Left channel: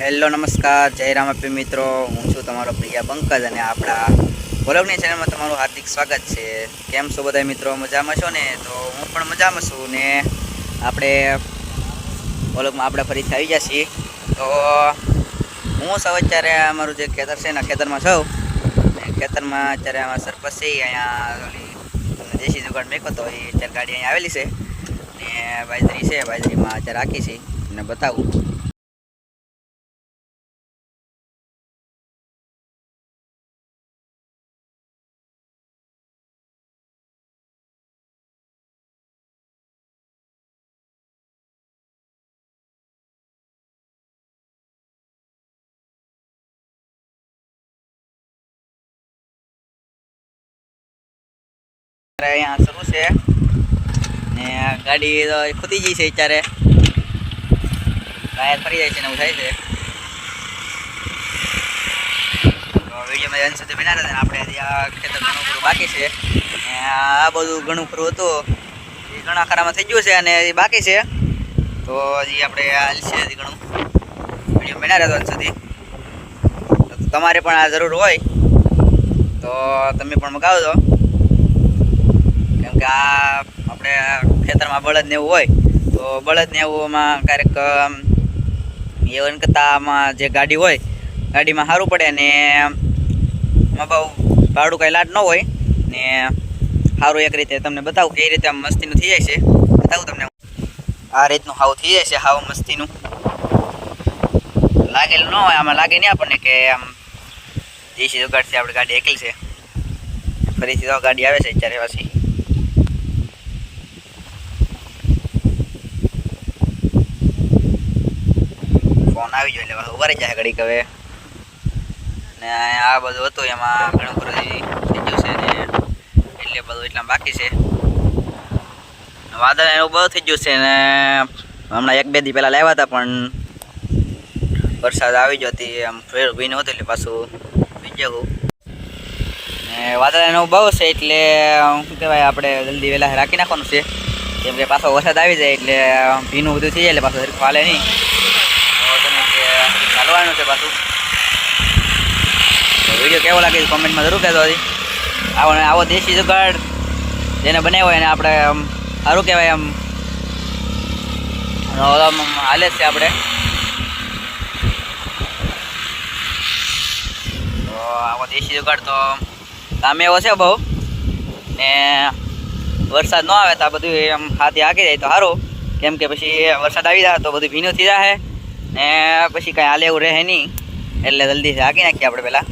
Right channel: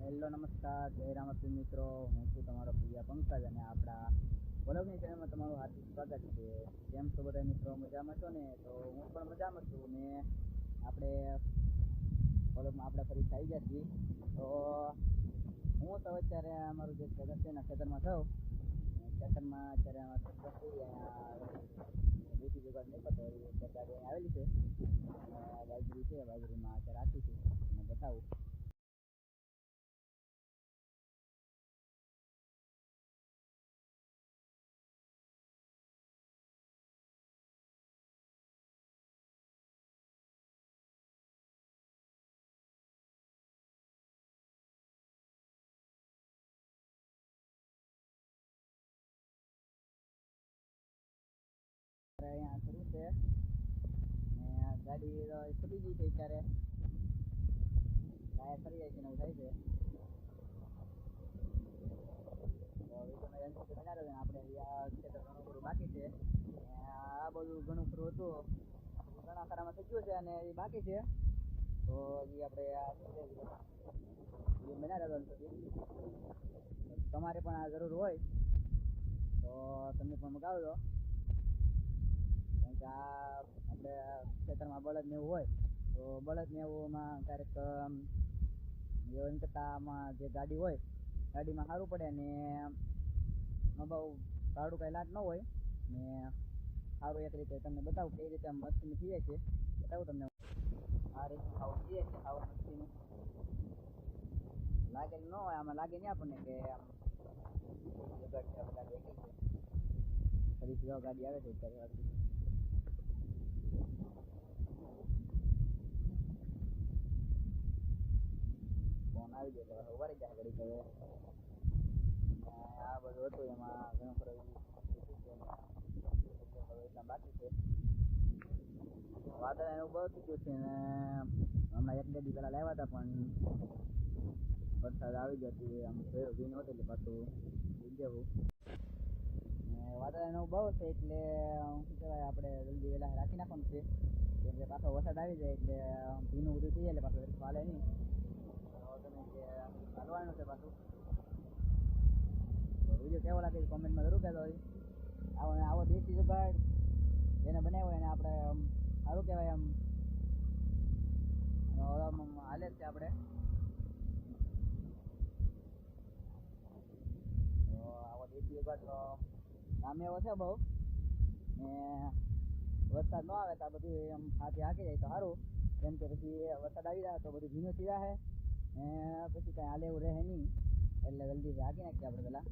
Hello, નમસ્કાર. જય રામાપી મિત્રો. હું છું તમારો પ્રિયા પંકજ અને આપણા વ્લોગની ચેનલમાં તમારું હાર્દિક સ્વાગત છે. કેમ છો બધા મિત્રો? મજામાં છો ને? તો હું પણ મજામાં છું ને આપણે વ્લોગમાં આપણે ફરીથી આવી છીએ. તો હું સૌ અત્યારે અમારું જે ખેતર છે એના ખેતરમાં છું. ને ખેતરમાં અત્યારે અમારા સરપંચ છે અહીંયા દેશી દુકાન મેકો તો એ અત્યારે ગાડી અહીંયા આવેલી છે. ને બાજરી છે બાજરીમાં અત્યારે રાખી છે. ને બતાવું. અહીંયા શરૂ છે. ને ગાડી તો ખૂતી ગઈ છે અત્યારે. ટાયર ફરી જાય છે ને એવું થાય છે. વિડીયોમાં અંત સુધી બના રહેતા. આપણે આ ખેતર ઘણું ખરું બાકી છે. આ બધું ઘણું ખરું હતું. એ ઘણા ખરામાં થઈ ગયું છે અને એ બાકી છે. તો હજી આપણે હાલ છે ઘણું. વીડિયો બના તો તમારે પણ આ જરૂર હોય, તો તમે પણ મગાવજો. કે આ આપણે ખેતરમાં બળદ ને એવું હોય, તો બળદ ને એવુંમાં ક્યારેક એવન કરતામાં જે ગાડી હોય, ગાડીમાં સારું પડે ને એમાં બહુ ભાડું કાંઈ લાટ ન હોય, ને સારું એક રીતે તમને બતાવું કે એ રીતે આમ મસ્તીનું થઈ જાય છે. બતાવું તમને આ રીતનું હાવ થઈ જાય છે, હાવ મસ્તીનું. લાગેલું ન હોય, આમાં લાગે નહીં આપણને કે આમ દેશી જુગાડથી આપણે ગાડી એકલી છે. ફરીથી તો ગાડી આવે છે અત્યારે પાછી ફોન આવી ગયો એટલે ઊભા રહી જાય ઘડીક હવે. ને આ બધું હતું એમાં ઘણું બધું થઈ ગયું છે ને એટલે બધું એટલા બાકી છે. વાદળ એનું બહુ થઈ ગયું છે ને હમણાં એક બે દી પહેલાં લાવ્યા હતા પણ વરસાદ આવી ગયો હતી, આમ ફેર ઊભી નહોતી એટલે પાછું બીજું વાદળ એનું બહુ છે એટલે શું કહેવાય, આપણે જલ્દી વહેલા રાખી નાખવાનું છે. કેમ કે પાછો વરસાદ આવી જાય એટલે ભીનું બધું થઈ જાય એટલે પાછું સરખું હાલે નહીં. ચાલવાનું છે પાછું. વીડિયો કેવો લાગે કોમેન્ટમાં જરૂર કહેતો હતી આવો આવો દેશી જુગાડ જેને બનાવ્યો એને આપણે આમ સારું કહેવાય આમ. હાલે છે આપણે. તો આવો દેશી જુગાડ તો કામે એવો છે બહુ. ને વરસાદ ન આવે તો આ બધું આમ હાથી હાકી જાય તો સારું. કેમ કે પછી વરસાદ આવી જાય તો બધું ભીનું થઈ જાય. ને પછી કાંઈ હાલે એવું રહે નહીં. એટલે જલ્દી હાકી નાખીએ આપણે પહેલાં.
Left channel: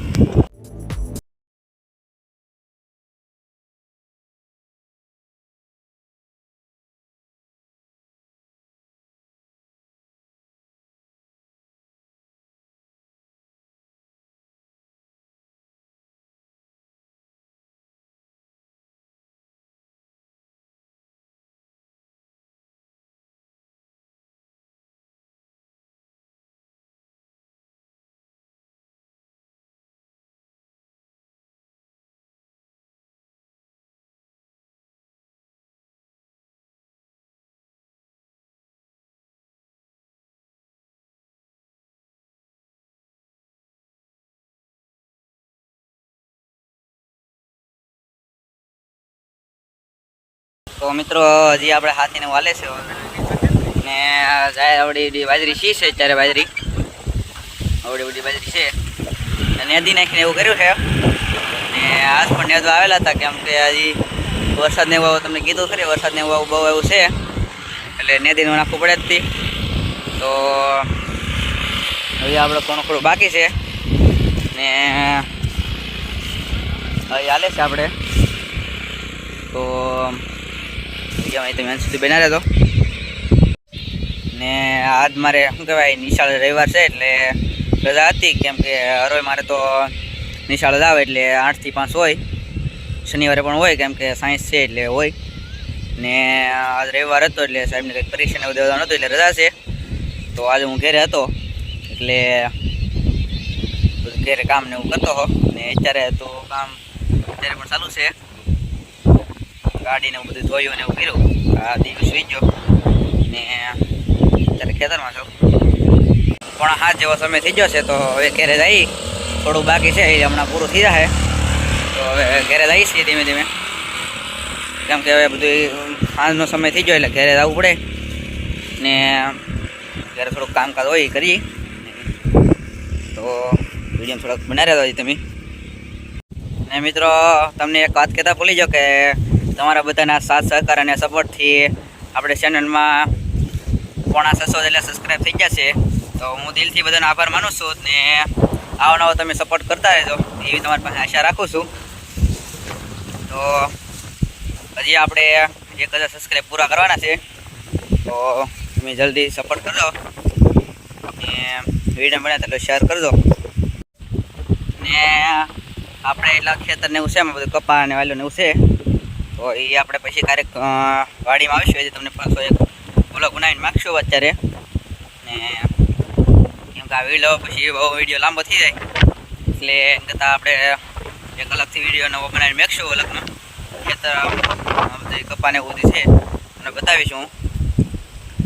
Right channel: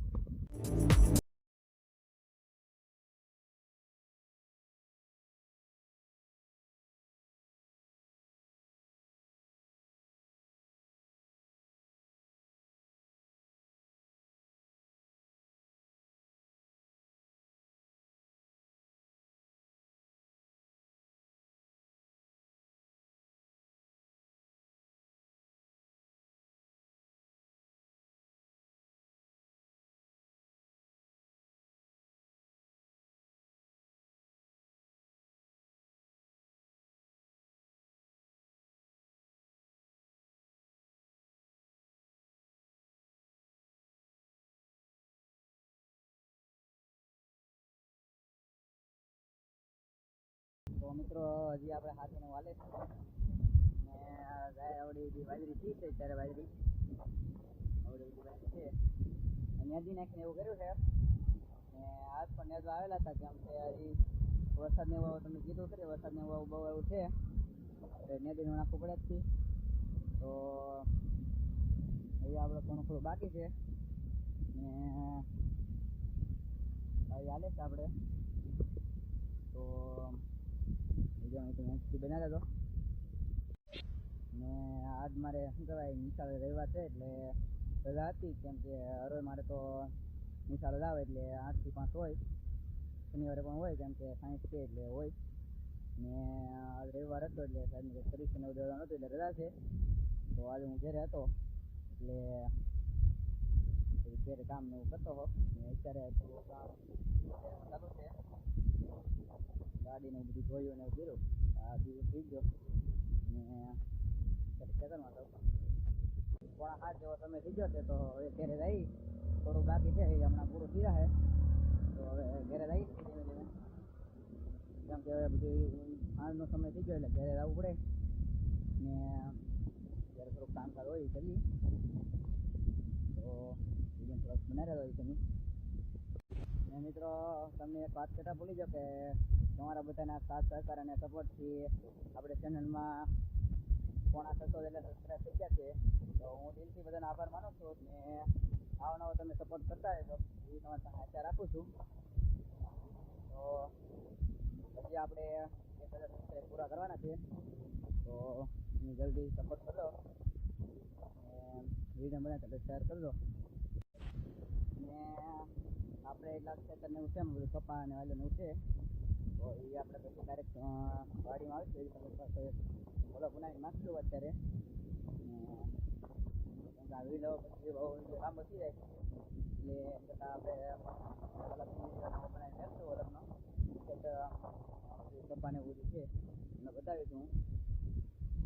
તો મિત્રો, હજી આપણે હાથીને વાલે છે ને જાય આવડી બાજરી શી છે અત્યારે બાજરી? આવડી બધી બાજરી છે. અને નેદી નાખીને એવું કર્યું છે. ને આજ પણ નેદવા આવેલા હતા, કેમ કે હજી વરસાદને એવું તમને કીધું ખરી, વરસાદને એવું બહુ એવું છે. એટલે નેદીનું નાખવું પડે જ હતી તો હજી આપણે કોણ થોડું બાકી છે. ને હવે હાલે છે આપણે. તો વિડીયોમાં તમે અંત સુધી બના રહેતો ને આજ મારે શું કહેવાય, નિશાળ રવિવાર છે એટલે રજા હતી, કેમ કે હરોય મારે તો નિશાળ જ આવે એટલે આઠથી પાંચ હોય. શનિવારે પણ હોય, કેમ કે સાયન્સ છે એટલે હોય. ને આજ રવિવાર હતો એટલે સાહેબને કંઈક પરીક્ષાને એવું દેવાનું હતું એટલે રજા છે. તો આજે હું ઘરે હતો, એટલે ઘેરે કામ ને એવું કરતો હો ને અત્યારે તો કામ અત્યારે પણ ચાલુ છે. ગાડીને બધું ધોયું ને એવું કર્યું. આ દિવસ સુઈ ગયો. ને અત્યારે ખેતરમાં છું. પણ હાથ જેવો સમય થઈ ગયો છે તો હવે ઘેરે જઈ. થોડું બાકી છે, એ હમણાં પૂરું થઈ જશે તો હવે ઘરે જઈએ છીએ ધીમે ધીમે. કેમ કે હવે બધું સાંજનો સમય થઈ ગયો એટલે ઘરે જવું પડે. ને ઘરે થોડુંક કામકાજ હોય એ કરીએ. તો વીડિયો થોડોક બનાવી રહ્યા તમે. ને મિત્રો, તમને એક વાત કહેતા ભૂલી જાઓ કે તમારા બધાના સાથ, સહકાર અને સપોર્ટથી આપણે ચેનલમાં પોણા છસો એટલે સબસ્ક્રાઈબ થઈ ગયા છે. તો હું દિલથી બધાનો આભાર માનું છું ને આવો તમે સપોર્ટ કરતા રહેજો. એવી તમારી પાસે આશા રાખું છું. તો હજી આપણે એક હજાર સબસ્ક્રાઈબ પૂરા કરવાના છે. તો તમે જલ્દી સપોર્ટ કરજો. અને વીડિયો બને તો શેર કરજો. ને આપણે એટલા ખેતરને એવું એમાં બધું કપા અને વાલ્યું ને તો એ આપણે પછી ક્યારેક વાડીમાં આવીશું. એટલે તમને પાછો એક બ્લોગ બનાવીને માગશું અત્યારે. ને કેમ કે આ વીડિયો પછી બહુ વીડિયો લાંબો થઈ જાય. એટલે એમ કરતાં આપણે એક અલગથી વીડિયો નવો બનાવીને મેકશું અલગનો ખેતર બધી કપાને એવું છે. અને બતાવીશું હું.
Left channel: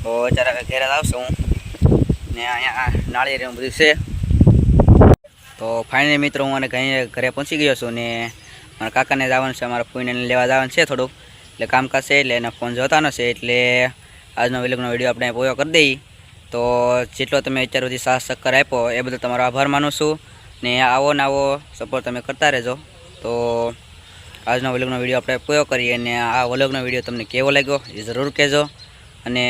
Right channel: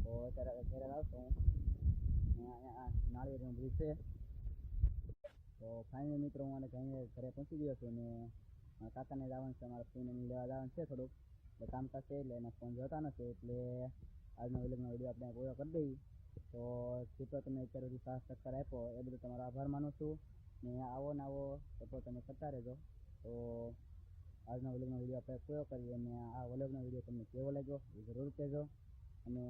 તો અત્યારે હવે ઘેર આવશું હું. ને અહીંયા નાળિયેર એવું બધું છે. તો ફાઇનલી મિત્રો હું અને ઘરે પહોંચી ગયો છું ને મારા કાકાને જવાનું છે, મારા ફોઈને લેવા જવાનું છે થોડુંક. એટલે કામકાજ છે એટલે એના ફોન જોતાનો છે, એટલે આજનો વિલોગનો વીડિયો આપણે પૂરો કરી દઈએ તો જેટલો તમે અત્યાર સુધી સાહસ ચક્કર આપ્યો, એ બદલ તમારો આભાર માનું છું. ને આવો ને આવો સપોર્ટ તમે કરતા રહેજો. તો આજનો વ્લોગનો વીડિયો આપણે પૂરો કરીએ અને આ વલગનો વીડિયો તમને કેવો લાગ્યો એ જરૂર કહેજો. અને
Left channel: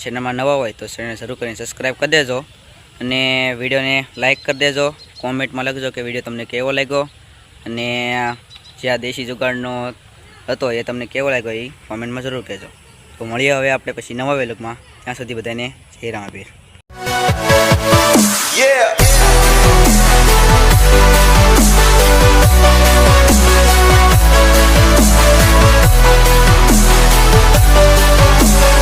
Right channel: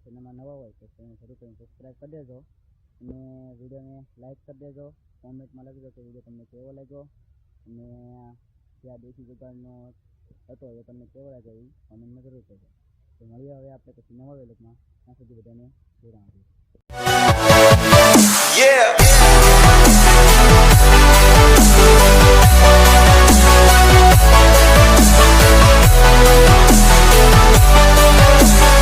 ચેનલમાં નવા હોય તો ચેનલ જરૂર કરીને સબસ્ક્રાઈબ કરી દેજો. અને વિડીયોને લાઇક કરી દેજો. કોમેન્ટમાં લખજો કે વીડિયો તમને કેવો લાગ્યો. અને જે આ દેશી જુગાડનો હતો એ તમને કેવો લાગ્યો એ કોમેન્ટમાં જરૂર કહેજો. તો મળીએ હવે આપણે પછી નવા વેલોગમાં. ત્યાં સુધી બધાને જય રામાભીર Yeah.